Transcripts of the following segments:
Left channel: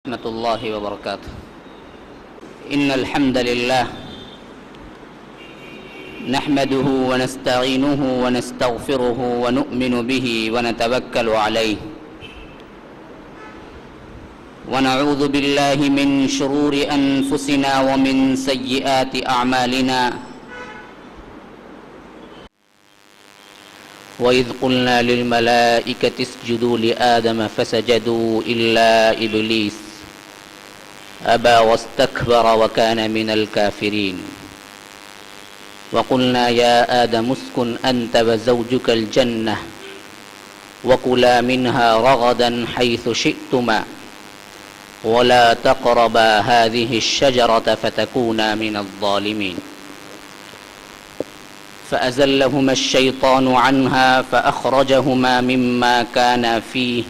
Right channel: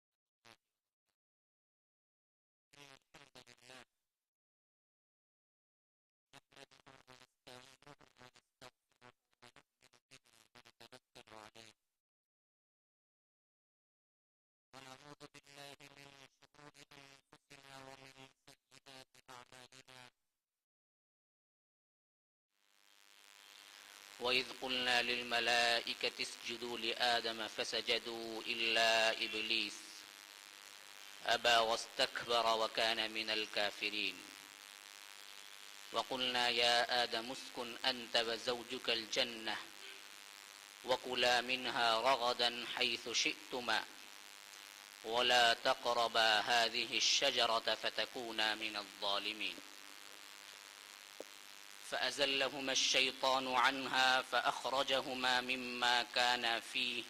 ورحمة الله وبركاته. إن الحمد لله نحمده ونستعينه ونستغفره ونؤمن به ونتوكل عليه ونعوذ بالله من شرور أنفسنا ومن سيئات أعمالنا. وإذ قلنا للملائكة اسجدوا لآدم فسجدوا إلا إبليس أبى واستكبر وكان من الكافرين. وقلنا يا آدم اسكن أنت وزوجك الجنة وكلا منها رغدا حيث شئتما ولا تقربا هذه الشجرة فتكونا من الظالمين. فأزلهما الشيطان عنها فأخرجهما مما كانا فيه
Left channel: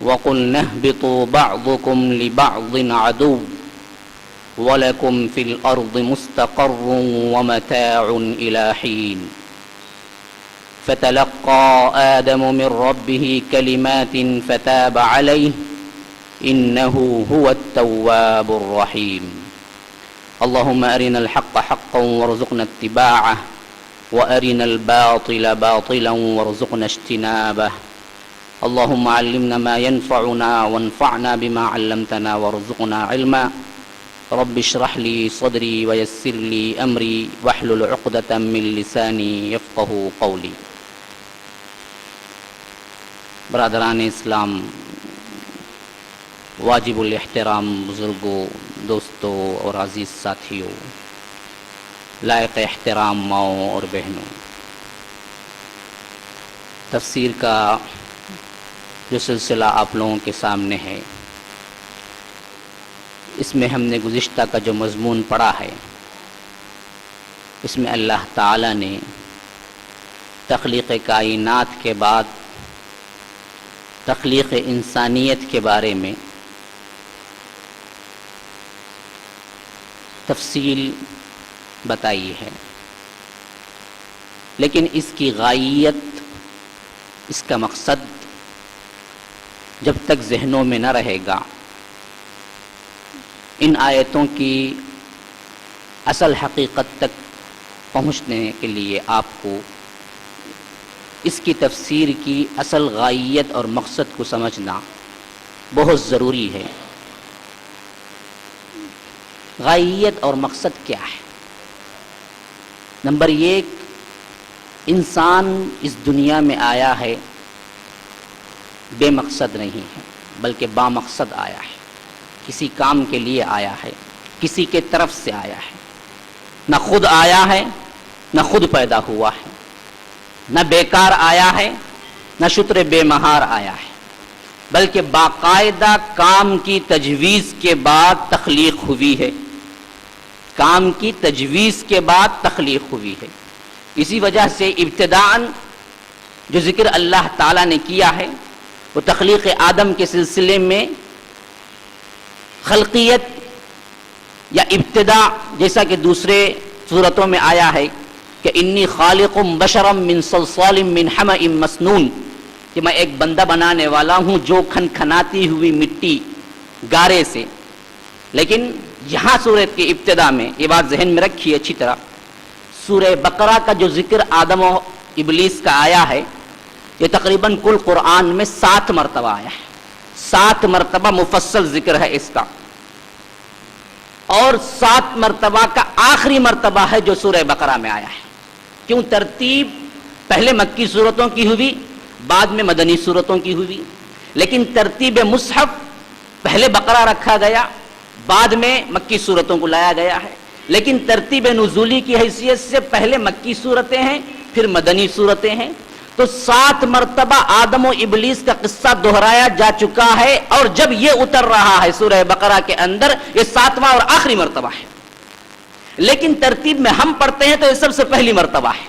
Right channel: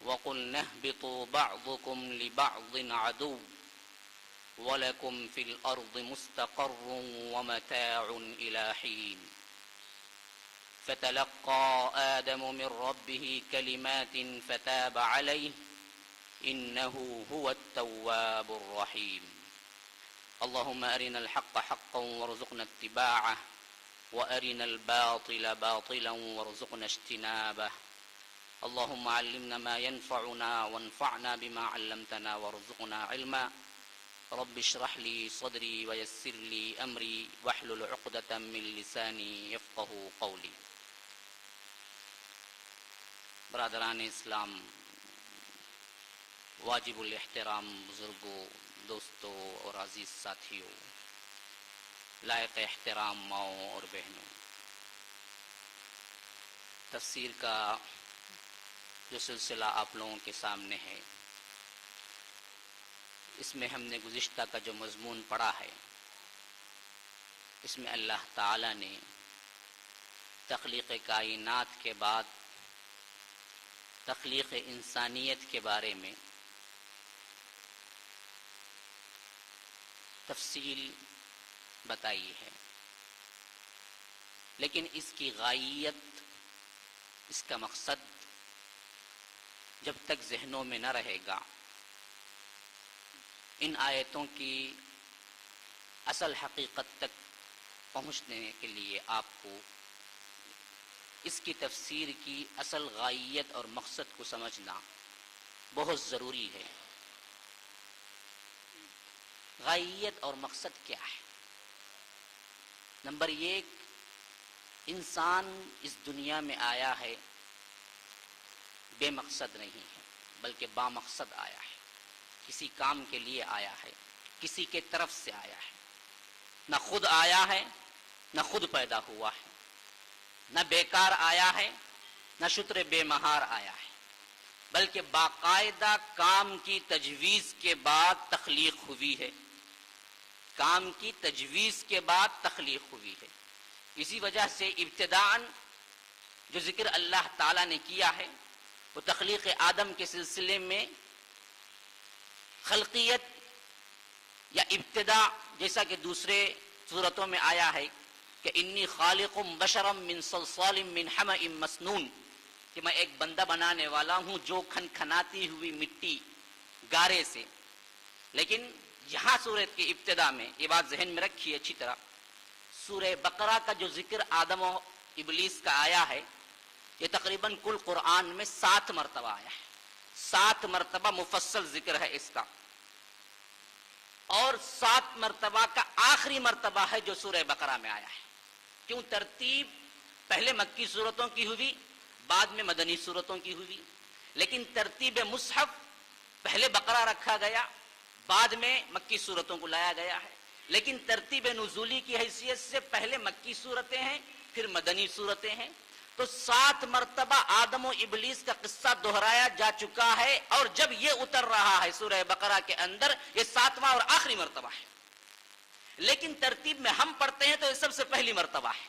وقلنا اهبطوا بعضكم لبعض عدو ولكم في الأرض مستقر ومتاع إلى حين. فتلقى آدم من ربه كلمات فتاب عليه إنه هو التواب الرحيم. اللهم أرنا الحق حقا وارزقنا اتباعه وأرنا الباطل باطلا وارزقنا اجتنابه. اللهم علمنا ما ينفعنا وانفعنا بما علمتنا وارزقنا علما. رب اشرح لي صدري ويسر لي أمري واحلل عقدة من لساني يفقه قولي. برادران اسلام، واجب الاحترام بزرگوں، دوستوں اور عزیز ساتھیوں، لائق احترام ماؤں اور بہنوں، تفسیر کا جو سلسلہ آپ لوگوں کے سامنے ہے، اس میں ہم نے گزشتہ کا جو مضمون پڑھا ہے، اس میں اللہ تعالی نے تخلیق کائنات کے بعد تخلیق انسانیت کے بارے میں تفصیل بتائی ہے، لیکن اس کی غائیت، اس کا مقصد جب تک ذہنوں میں نہ رہے گا، ان آیتوں کی اصل حقیقت تک پہنچنے کے لیے آپ کو اس کی تفسیر کی اصل غائیت اور مقصد کو سمجھنا بہت ضروری ہے۔ غائیت اور مقصد کیا ہے؟ نمبر ایک، انسان اس دنیا میں آیا ہے بے مقصد نہیں ہے، بلکہ با مقصد آیا ہے، کسی کام کے لیے آیا ہے، کسی کے طرف سے آیا ہے، نہ خود آیا ہے نہ خود پیدا ہوا ہے، نہ بیکار آیا ہے نہ شتر بے مہار آیا ہے، بلکہ باقاعدہ کام کی تجویز کے بعد تخلیق ہوئی ہے، کام کی تجویز کے بعد تخلیق ہوئی ہے۔ اسی وجہ سے ابتداءً جو ذکر اللہ تعالیٰ نے کیا ہے وہ تخلیق آدم کے سلسلے میں خلقیت یا ابتدا، جیسا کہ دوسرے صورتوں میں آیا ہے کہ انی خالق بشرا من صلصال من حمأ مسنون، کہ میں ایک بندہ بنانے والا ہوں جو کھنکھناتی ہوئی مٹی گارے سے۔ لیکن یہاں سورت کی ابتدا میں یہ بات ذہن میں رکھیے اچھی طرح، سورہ بقرہ کا جو ذکر آدم و ابلیس کا آیا ہے، یہ تقریباً کل قرآن میں 7 مرتبہ آیا ہے، 7 مرتبہ مفصل ذکر ہے اس کا، اور 7 مرتبہ کا آخری مرتبہ ہے جو سورہ بقرہ میں آیا ہے۔ کیوں؟ ترتیب پہلے مکی صورتوں کی ہوئی، بعد میں مدنی صورتوں کی ہوئی، لیکن ترتیب مصحف پہلے بقرہ رکھا گیا، بعد میں مکی صورتوں کو لایا گیا ہے، لیکن ترتیب نزولی کی حیثیت سے پہلے مکی صورتیں ہیں پھر مدنی صورتیں ہیں۔ تو 7 مرتبہ آدم و ابلیس کا قصہ دہرایا جا چکا ہے، اور جب یہ اتر رہا ہے سورہ بقرہ کے اندر، یہ 7واں اور آخری مرتبہ ہے، لیکن ترتیب میں ہم پڑھتے ہیں تو یہ سب سے پہلی مرتبہ ہے،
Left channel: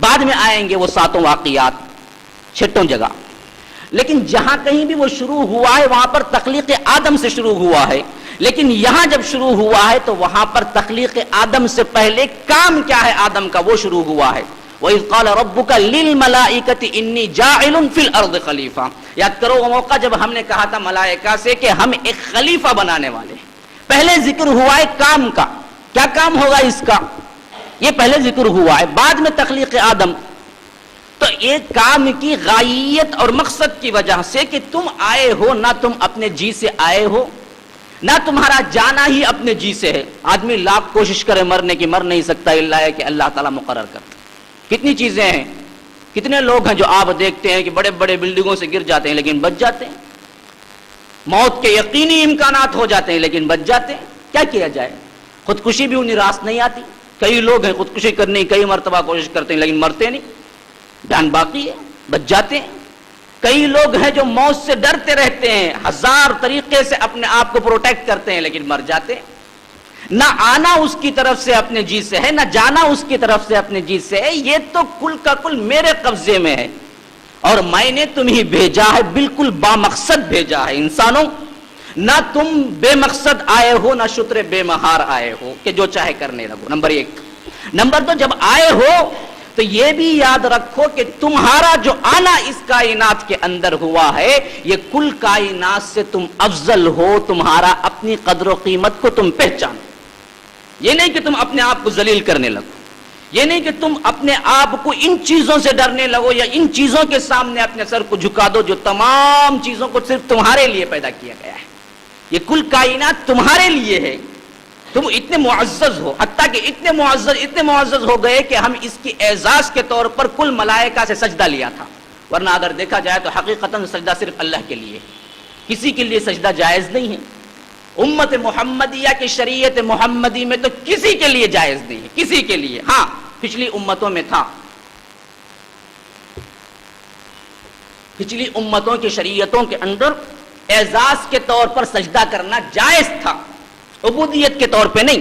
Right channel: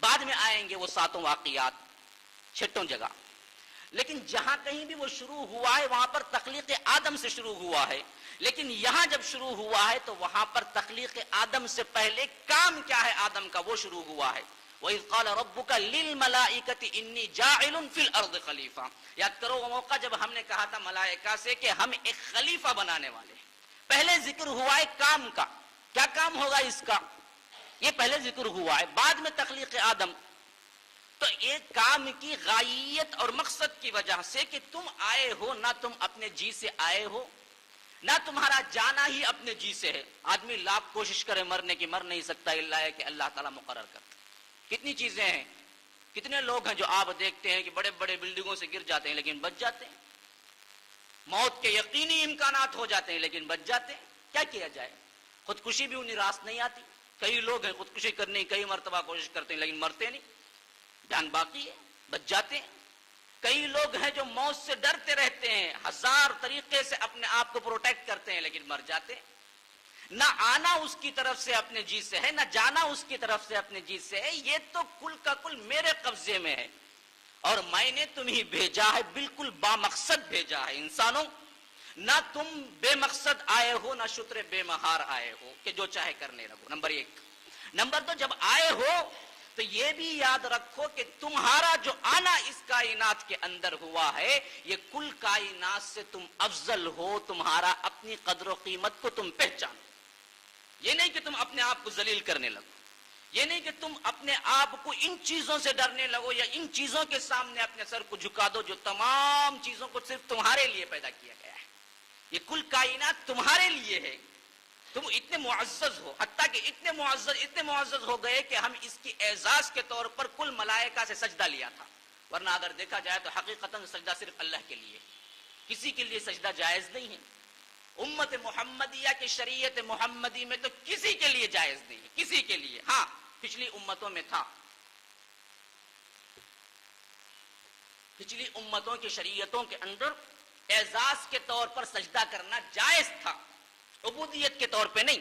بعد میں آئیں گے وہ 7 واقعات 6 جگہ۔ لیکن جہاں کہیں بھی وہ شروع ہوا ہے وہاں پر تخلیق آدم سے شروع ہوا ہے، لیکن یہاں جب شروع ہوا ہے تو وہاں پر تخلیق آدم سے پہلے کام کیا ہے آدم کا وہ شروع ہوا ہے۔ وَإِذْ قَالَ رَبُّكَ لِلْمَلَائِكَةِ إِنِّي جَاعِلٌ فِي الْأَرْضِ خَلِيفَةً. یاد کرو وہ موقع جب ہم نے کہا تھا ملائکہ سے کہ ہم ایک خلیفہ بنانے والے ہیں. پہلے ذکر ہوا ہے کام کا، کیا کام ہوگا اس کا، یہ پہلے ذکر ہوا ہے، بعد میں تخلیق آدم. تو ایک کام کی غائیت اور مقصد کی وجہ سے کہ تم آئے ہو، نہ تم اپنے جی سے آئے ہو، نہ تمہارا جانا ہی اپنے جی سے ہے. آدمی لاکھ کوشش کرے مرنے کی، مر نہیں سکتا الا ہے کہ اللہ تعالیٰ مقرر کرتا. کتنی چیزیں ہیں، کتنے لوگ ہیں جو آپ دیکھتے ہیں کہ بڑے بڑے بلڈنگوں سے گر جاتے ہیں لیکن بچ جاتے ہیں، موت کے یقینی امکانات ہو جاتے ہیں لیکن بچ جاتے ہیں. کیا کیا جائے، خودکشی بھی انہیں راست نہیں آتی. کئی لوگ ہیں خودکشی کرنے کی کئی مرتبہ کوشش کرتے ہیں لیکن مرتے نہیں، جان باقی ہے، بچ جاتے ہیں. کئی لوگ ہیں جو موت سے ڈرتے رہتے ہیں، ہزار طریقے سے اپنے آپ کو پروٹیکٹ کرتے ہیں لیکن مر جاتے ہیں. نہ آنا اس کی طرف سے اپنے جی سے ہے، نہ جانا اس کی طرف سے اپنے جی سے ہے. یہ تو کل کا کل میرے قبضے میں ہے اور میں نے تمہیں بھیجا ہے، بالکل بامقصد بھیجا ہے. انسانوں، نہ تم بے مقصد آئے ہو، نہ شتر بے مہار آئے ہو کہ جو چاہے کرنے لگو. نمبر ایک. نمبر دو، جب آئے ہو تو یہ بھی یاد رکھو کہ تمہارا جو آنا اس کائنات کے اندر ہوا ہے، یہ کل کائنات سے تم افضل ہو. تمہارا اپنی قدر و قیمت کو تم پہچانو. یہ نہیں کہ تم اپنے آپ کو ذلیل کرنے لگو، یہ نہیں کہ تم اپنے آپ کو ان چیزوں سے ڈرنے لگو یا ان چیزوں کے سامنے اپنے سر کو جھکا دو جو تمام چیزوں کو صرف تمہارے لیے پیدا کیا گیا ہے. یہ کل کائنات تمہارے لیے ہے. تم اتنے معزز ہو، حتیٰ کہ اتنے معزز ہو گئے کہ ہم اس کی اعزاز کے طور پر کل ملائکہ سے سجدہ لیا تھا. ورنہ اگر دیکھا جائے تو حقیقتاً سجدہ صرف اللہ کے لیے، کسی کے لیے سجدہ جائز نہیں ہے. امت محمدیہ کی شریعت محمدی میں تو کسی کے لیے جائز نہیں ہے، کسی کے لیے. ہاں پچھلی امتوں میں تھا، پچھلی امتوں کی شریعتوں کے اندر اعزاز کے طور پر سجدہ کرنا جائز تھا، عبودیت کے طور پہ نہیں،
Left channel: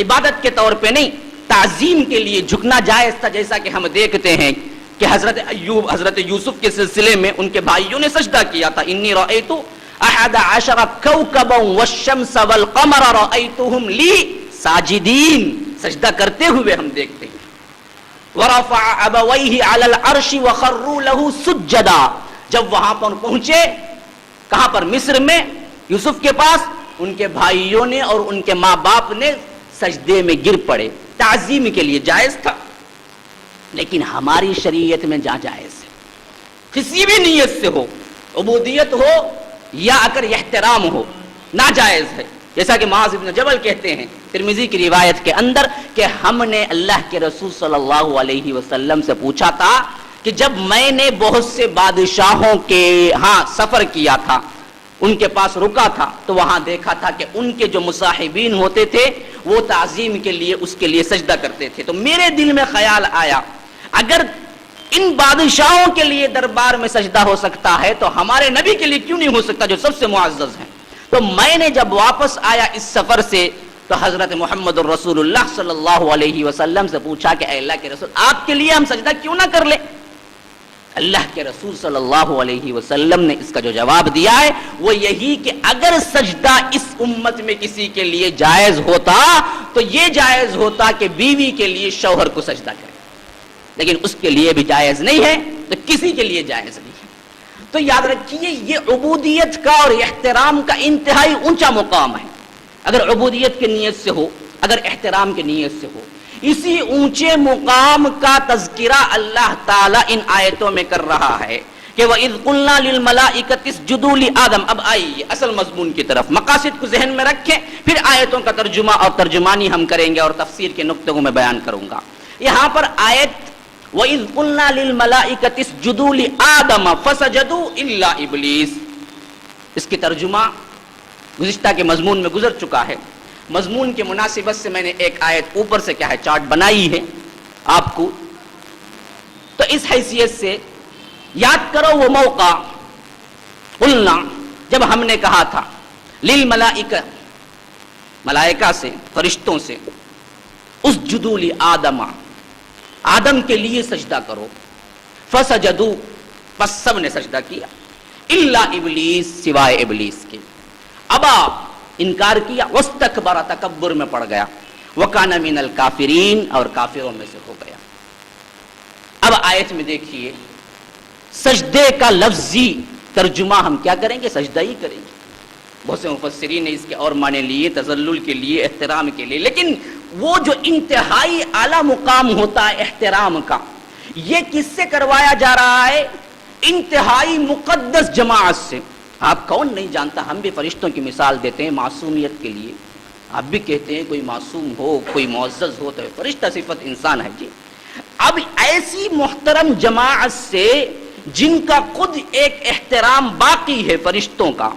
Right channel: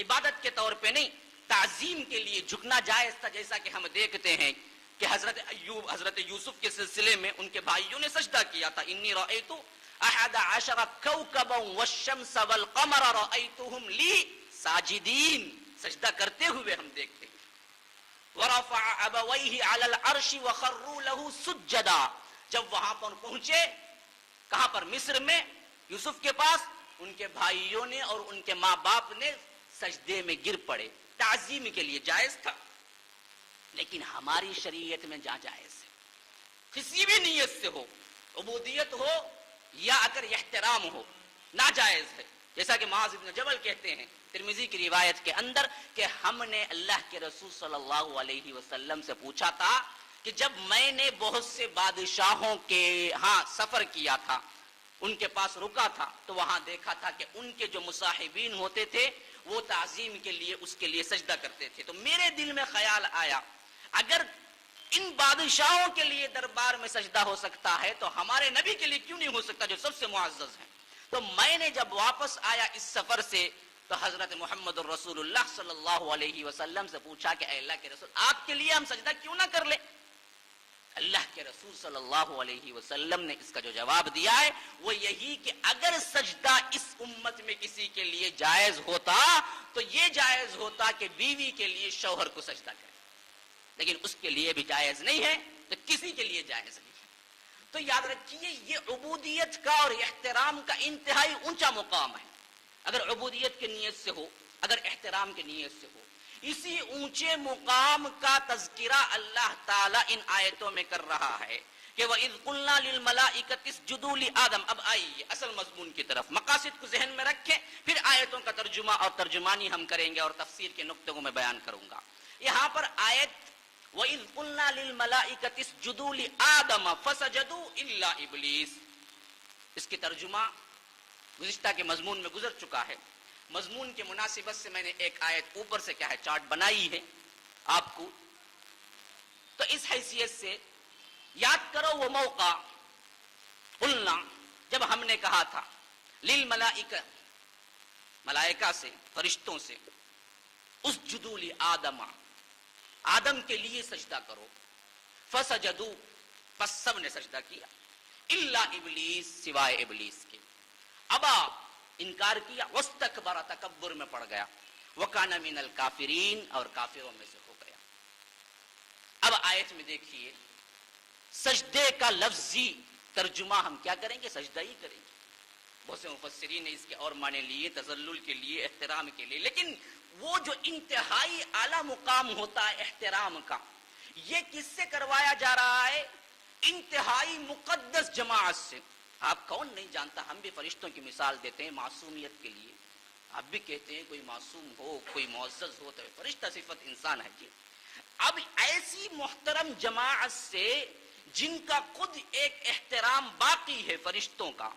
عبادت کے طور پہ نہیں، تعظیم کے لیے جھکنا جائز تھا. جیسا کہ ہم دیکھتے ہیں کہ حضرت ایوب، حضرت یوسف کے سلسلے میں ان کے بھائیوں نے سجدہ کیا تھا. انی رأیت احد عشر کوكبا والشمس والقمر رأیتهم لی ساجدین، سجدہ کرتے ہوئے ہم دیکھتے ہیں. ورفع ابویہ علی العرش وخروا له سجدا. جب وہاں پر پہنچے، کہاں پر؟ مصر میں، یوسف کے پاس، ان کے بھائیوں نے اور ان کے ماں باپ نے سجدے میں گر پڑے. تعظیم کے لیے جائز تھا. لیکن ہماری شریعت میں جائز ہے، کسی بھی نیت سے ہو، عبودیت ہو یا اگر احترام ہو، ناجائز ہے. جیسا کہ معاذ بن جبل کہتے ہیں ترمذی کی روایت کے اندر کہ ہم نے اللہ کے رسول صلی اللہ علیہ وسلم سے پوچھا تھا کہ جب میں نے بہت سے بادشاہوں کے ہاں سفر کیا تھا، ان کے پاس رکا تھا، تو وہاں دیکھا تھا کہ ان کے جو مصاحبین ہوتے تھے وہ تعظیم کے لیے اس کے لیے سجدہ کرتے تھے. تو میرے دل میں خیال آیا اگر ان بادشاہوں کے لیے دربار میں سجدہ ہو سکتا ہے تو ہمارے نبی کے لیے کیوں نہیں ہو سکتا جو سب سے معزز ہیں. تو میں نے جب واپس آیا اس سفر سے تو حضرت محمد الرسول اللہ صلی اللہ علیہ وسلم سے پوچھا کہ اے اللہ کے رسول، آپ کے لیے ہم سجدہ کیوں نہ کر لیں؟ اللہ کے رسول صلی اللہ علیہ وسلم نے اس کا جو جواب دیا ہے وہ یہی کہ اگر سجدہ اس امت میں کسی کے لیے جائز ہوتا تو یہ جائز ہوتا کہ بیوی کے لیے شوہر کو سجدہ کرے، لیکن اس کے لیے بھی جائز نہیں ہے تو کسی کے لیے جائز نہیں ہے. تو یاد رکھیے یہ عبودیت کا اور احترام کا انتہائی اونچا مقام ہے. اگر عبودیت کی نیت سے ہو، اگر احترام کی نیت سے ہو، اسی اونچے مقام کا تذکرہ اللہ تعالیٰ ان آیتوں میں کر رہا ہے کہ وَإِذْ قُلْنَا لِلْمَلَائِكَةِ اسْجُدُوا لِآدَمَ. اب آئیے اصل مضمون کی طرف، مقاصد کو ذہن میں رکھیں، پھر آیتوں کا ترجمہ اور ترجمانی ہم کریں گے اور تفسیر کے نقطوں کو میں بیان کروں گا. یہاں پر آیت وَإِذْ قُلْنَا لِلْمَلَائِكَةِ اسْجُدُوا لِآدَمَ فَسَجَدُوا إِلَّا إِبْلِيسَ، اس کی ترجمہ گزشتہ کے مضمون میں گزر چکا ہے. مضمون کی مناسبت سے میں نے ایک آیت اوپر سے کیا ہے چارٹ بنائی ہے آپ کو. تو اس حیثیت سے یاد کرو وہ موقع، قلنا، جب ہم نے کہا تھا للملائکہ، ملائکہ سے، فرشتوں سے، اسجدوا لآدم، آدم کے لیے سجدہ کرو. فسجدوا، پس سب نے سجدہ کیا، الا ابلیس، سوائے ابلیس کے. ابا، انکار کیا، واستکبر، تکبر میں پڑ گیا، وکان من الکافرین، اور کافروں میں سے ہو گیا. اب آیت میں دیکھیے سجدے کا لفظی ترجمہ ہم کیا کریں گے؟ سجدہ ہی کریں گے. بہت سے مفسرین نے اس کے اور معنی لیے، تذلل کے لیے، احترام کے لیے، لیکن وہ جو انتہائی اعلیٰ مقام ہوتا ہے احترام کا، یہ کس سے کروایا جا رہا ہے؟ انتہائی مقدس جماعت سے. آپ کون نہیں جانتا، ہم بھی فرشتوں کی مثال دیتے ہیں معصومیت کے لیے. آپ بھی کہتے ہیں کوئی معصوم ہو، کوئی معزز ہو تو فرشتہ صفت انسان ہے جی. اب ایسی محترم جماعت سے جن کا خود ایک احترام باقی ہے فرشتوں کا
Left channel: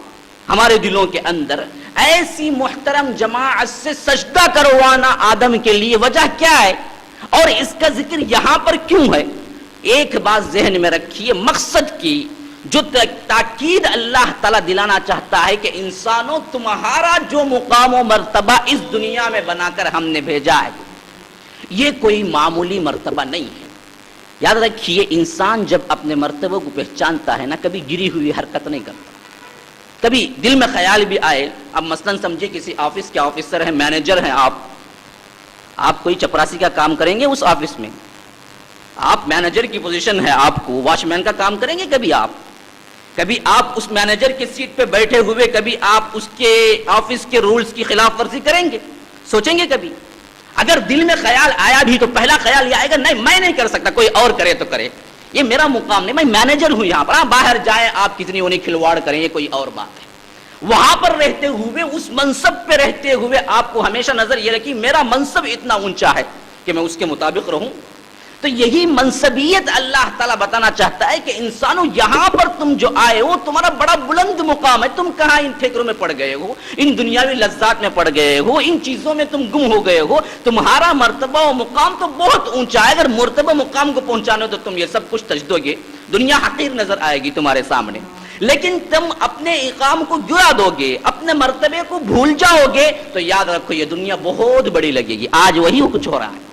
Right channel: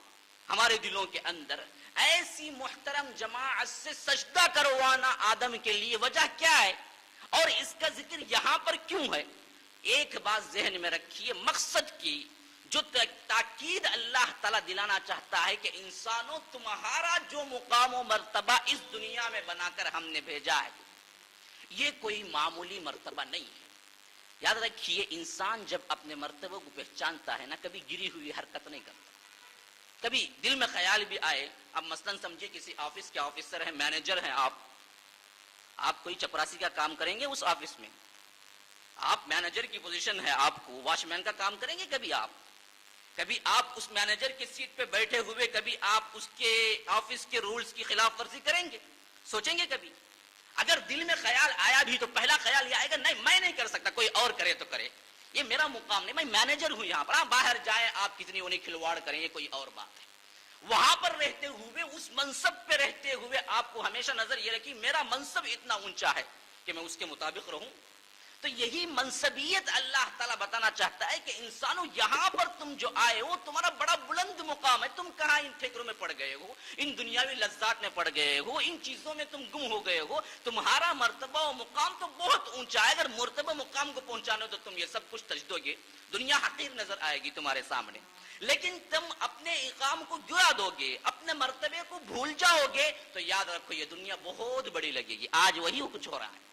ہمارے دلوں کے اندر، ایسی محترم جماعت سے سجدہ کروانا آدم کے لیے وجہ کیا ہے اور اس کا ذکر یہاں پر کیوں ہے؟ ایک بات ذہن میں رکھیے، مقصد کی جو تاکید اللہ تعالیٰ دلانا چاہتا ہے کہ انسانوں تمہارا جو مقام و مرتبہ اس دنیا میں بنا کر ہم نے بھیجا ہے یہ کوئی معمولی مرتبہ نہیں ہے. یاد رکھیے انسان جب اپنے مرتبہ کو پہچانتا ہے نا، کبھی گری ہوئی حرکت نہیں کرتا. کبھی دل میں خیال بھی آئے، اب مثلاً سمجھے کسی آفس کے آفیسر ہیں، مینیجر ہیں، آپ کوئی چپراسی کا کام کریں گے اس آفس میں؟ آپ مینیجر کی پوزیشن ہے، آپ کو واچ مین کا کام کریں گے کبھی آپ اس مینیجر کی سیٹ پہ بیٹھے ہوئے کبھی آپ اس کے آفس کے رولز کی خلاف ورزی کریں گے؟ سوچیں گے کبھی؟ اگر دل میں خیال آیا بھی تو پہلا خیال یہ آئے گا نہیں میں نہیں کر سکتا، کوئی اور کرے تو کرے، یہ میرا مقام نہیں، میں مینیجر ہوں یہاں پر. باہر جائیں آپ کتنی انہیں کھلواڑ کریں یہ کوئی اور بات ہے. وہاں پر رہتے ہوئے اس منصب پہ رہتے ہوئے آپ کو ہمیشہ نظر یہ رکھی میرا منصب اتنا اونچا ہے کہ میں اس کے مطابق رہوں. تو یہی منصبیت اللہ تعالیٰ بتانا چاہتا ہے کہ انسانوں یہاں پر تم جو آئے ہو تمہارا بڑا بلند مقام ہے. تم کہاں ان فکروں میں پڑ گئے ہو، ان دنیاوی لذات میں پڑ گئے ہو، ان چیزوں میں تم گم ہو گئے ہو. تمہارا مرتبہ و مقام تو بہت اونچا ہے. اگر مرتبہ مقام کو پہنچانے تو تم یہ سب کچھ تج دو گے، دنیا حقیر نظر آئے گی تمہارے سامنے. لیکن تم اپنے اقام کو گرا دو گے، اپنے مرتبے کو بھول جاؤ گے تو یاد رکھو یہ دنیا بہت بڑی لگے گی. آج وہی کچھ ہو رہا ہے.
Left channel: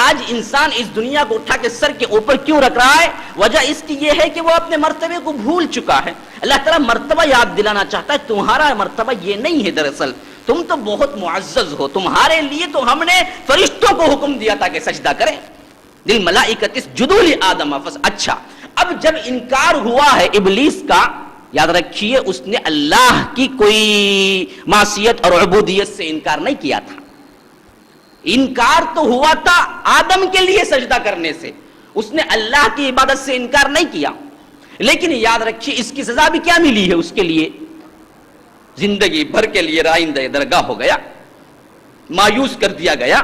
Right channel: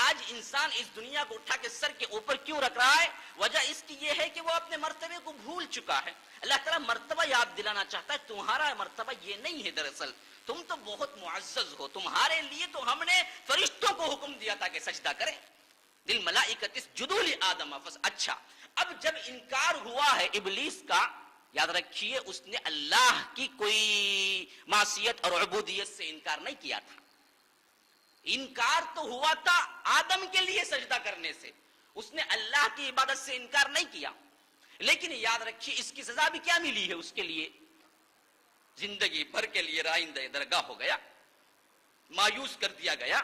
آج انسان اس دنیا کو اٹھا کے سر کے اوپر کیوں رکھ رہا ہے؟ وجہ اس کی یہ ہے کہ وہ اپنے مرتبے کو بھول چکا ہے. اللہ تعالیٰ مرتبہ یاد دلانا چاہتا ہے تمہارا مرتبہ یہ نہیں ہے. دراصل تم تو بہت معزز ہو، تمہارے لیے تو ہم نے فرشتوں کو حکم دیا تھا کہ سجدہ کریں. للملائکۃ اسجدوا لآدم. اچھا اب جب انکار ہوا ہے ابلیس کا، یاد رکھیے اس نے اللہ کی کوئی معصیت اور عبودیت سے انکار نہیں کیا تھا. انکار تو ہوا تھا آدم کے لیے سجدہ کرنے سے، اس نے اللہ کی عبادت سے انکار نہیں کیا. لیکن یاد رکھیے اس کی سزا بھی کیا ملی ہے اس کے لیے؟ زندگی بھر کے لیے رائندہ درگاہ ہو گیا، مایوس کر دیا گیا.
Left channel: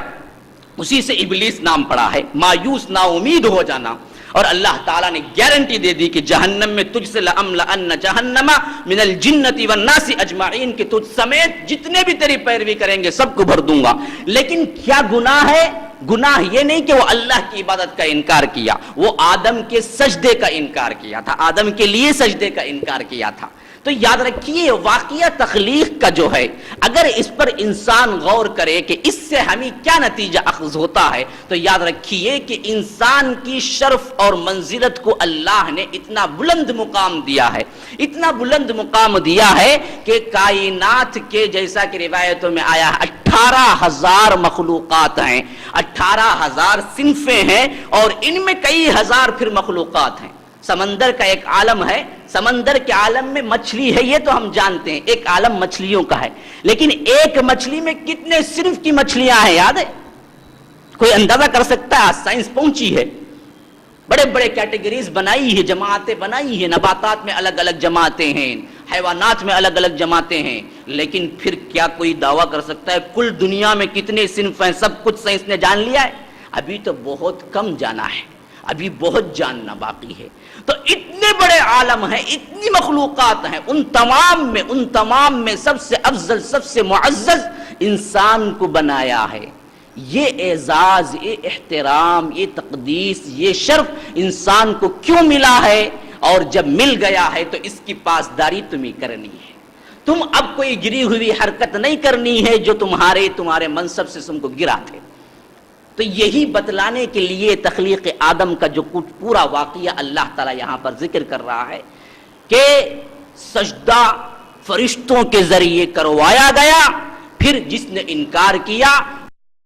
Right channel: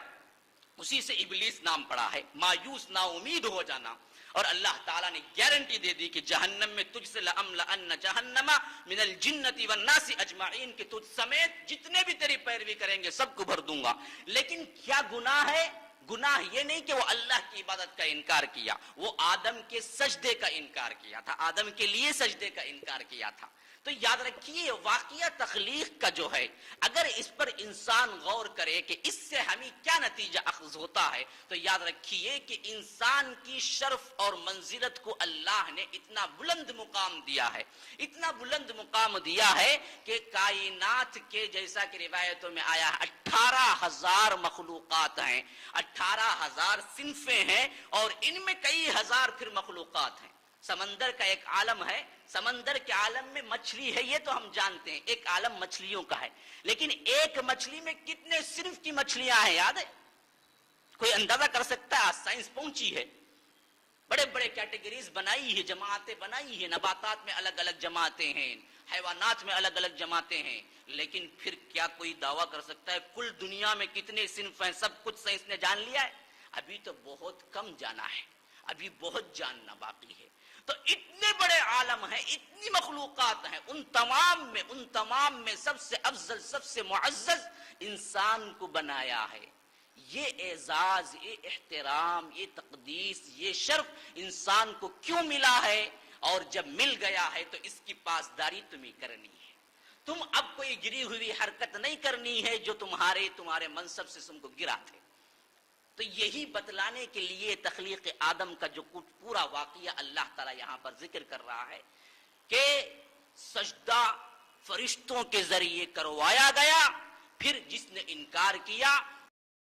اسی سے ابلیس نام پڑا ہے، مایوس نا امید ہو جانا. اور اللہ تعالیٰ نے گارنٹی دے دی کہ جہنم میں تجھ سے لَأَمْلَأَنَّ جَهَنَّمَ مِنَ الْجِنَّةِ وَالنَّاسِ أَجْمَعِينَ کہ تجھ سمیت جتنے بھی تیری پیروی کریں گے سب کو بھر دوں گا. لیکن کیا گناہ ہے؟ گناہ یہ نہیں کہ وہ اللہ کی عبادت کا انکار کیا، وہ آدم کے سجدے کا انکار کیا تھا، آدم کے لیے سجدے کا انکار کیا تھا. تو یاد رکھیے واقعہ تخلیق کا جو ہے اگر اس پر انسان غور کرے کہ اس سے ہمیں کیا نتیجہ اخذ ہوتا ہے تو یاد رکھیے کہ انسان کی شرف اور منزلت کو اللہ نے اتنا بلند مقام دیا ہے، اتنا بلند مقام دیا ہے کہ کائنات کے جیسا کہ روایتوں میں آیا ہے 18,000 مخلوقات ہیں، 18,000 صنفیں ہیں اور ان میں کئی ہزار پھر مخلوقات ہیں. سمندر کا ایک عالم ہے، سمندر کے عالم میں مچھلی ہے یہ تو ہم جانتے ہیں، ایک عالم مچھلیوں کا ہے. لیکن ایک مچھلی میں کتنے صنف کی مچھلیاں ہیں یاد ہے؟ کوئی اندازہ کر سکتا ہے؟ سائنس پہنچی ہے، بڑے بڑے کیٹیگریز بنائی ہے، جماعتیں بنائی ہیں. نباتات میں الگ الگ جماعتیں ہیں، حیوانات میں الگ الگ جماعتیں ہیں. لیکن پھر کیا کوئی دعویٰ کر سکتا ہے کل دنیا میں کتنے صنف ہیں؟ سب کچھ سائنس نے جان لیا ہے؟ ابھی تو بہت کم جانا ہے، ابھی بہت جاننا باقی ہے. تو اتنے بڑے عالم ہیں، اتنی مخلوقات ہیں، ان تمام میں سب سے افضل، سب سے معزز انسان کو بنایا ہے. یہ اعزاز، یہ احترام، یہ تقدیس، یہ شرف انسان کو کیوں ملا ہے؟ اور جب مل گیا ہے تو اس کی پاسداری تمہیں کرنی ہے. تم اب کوئی گری ہوئی حرکت نہیں کرنی ہے جو تمہارے منصب سے تم کو گرا تھے. تو یہی بتلانے کے لیے تخلیق آدم کا جو کچھ پورا واقعہ اللہ تعالیٰ یہاں پر ذکر کر رہا ہے کہ سجدہ فرشتوں کے ذریعے کروایا گیا. پھر جس نے انکار کیا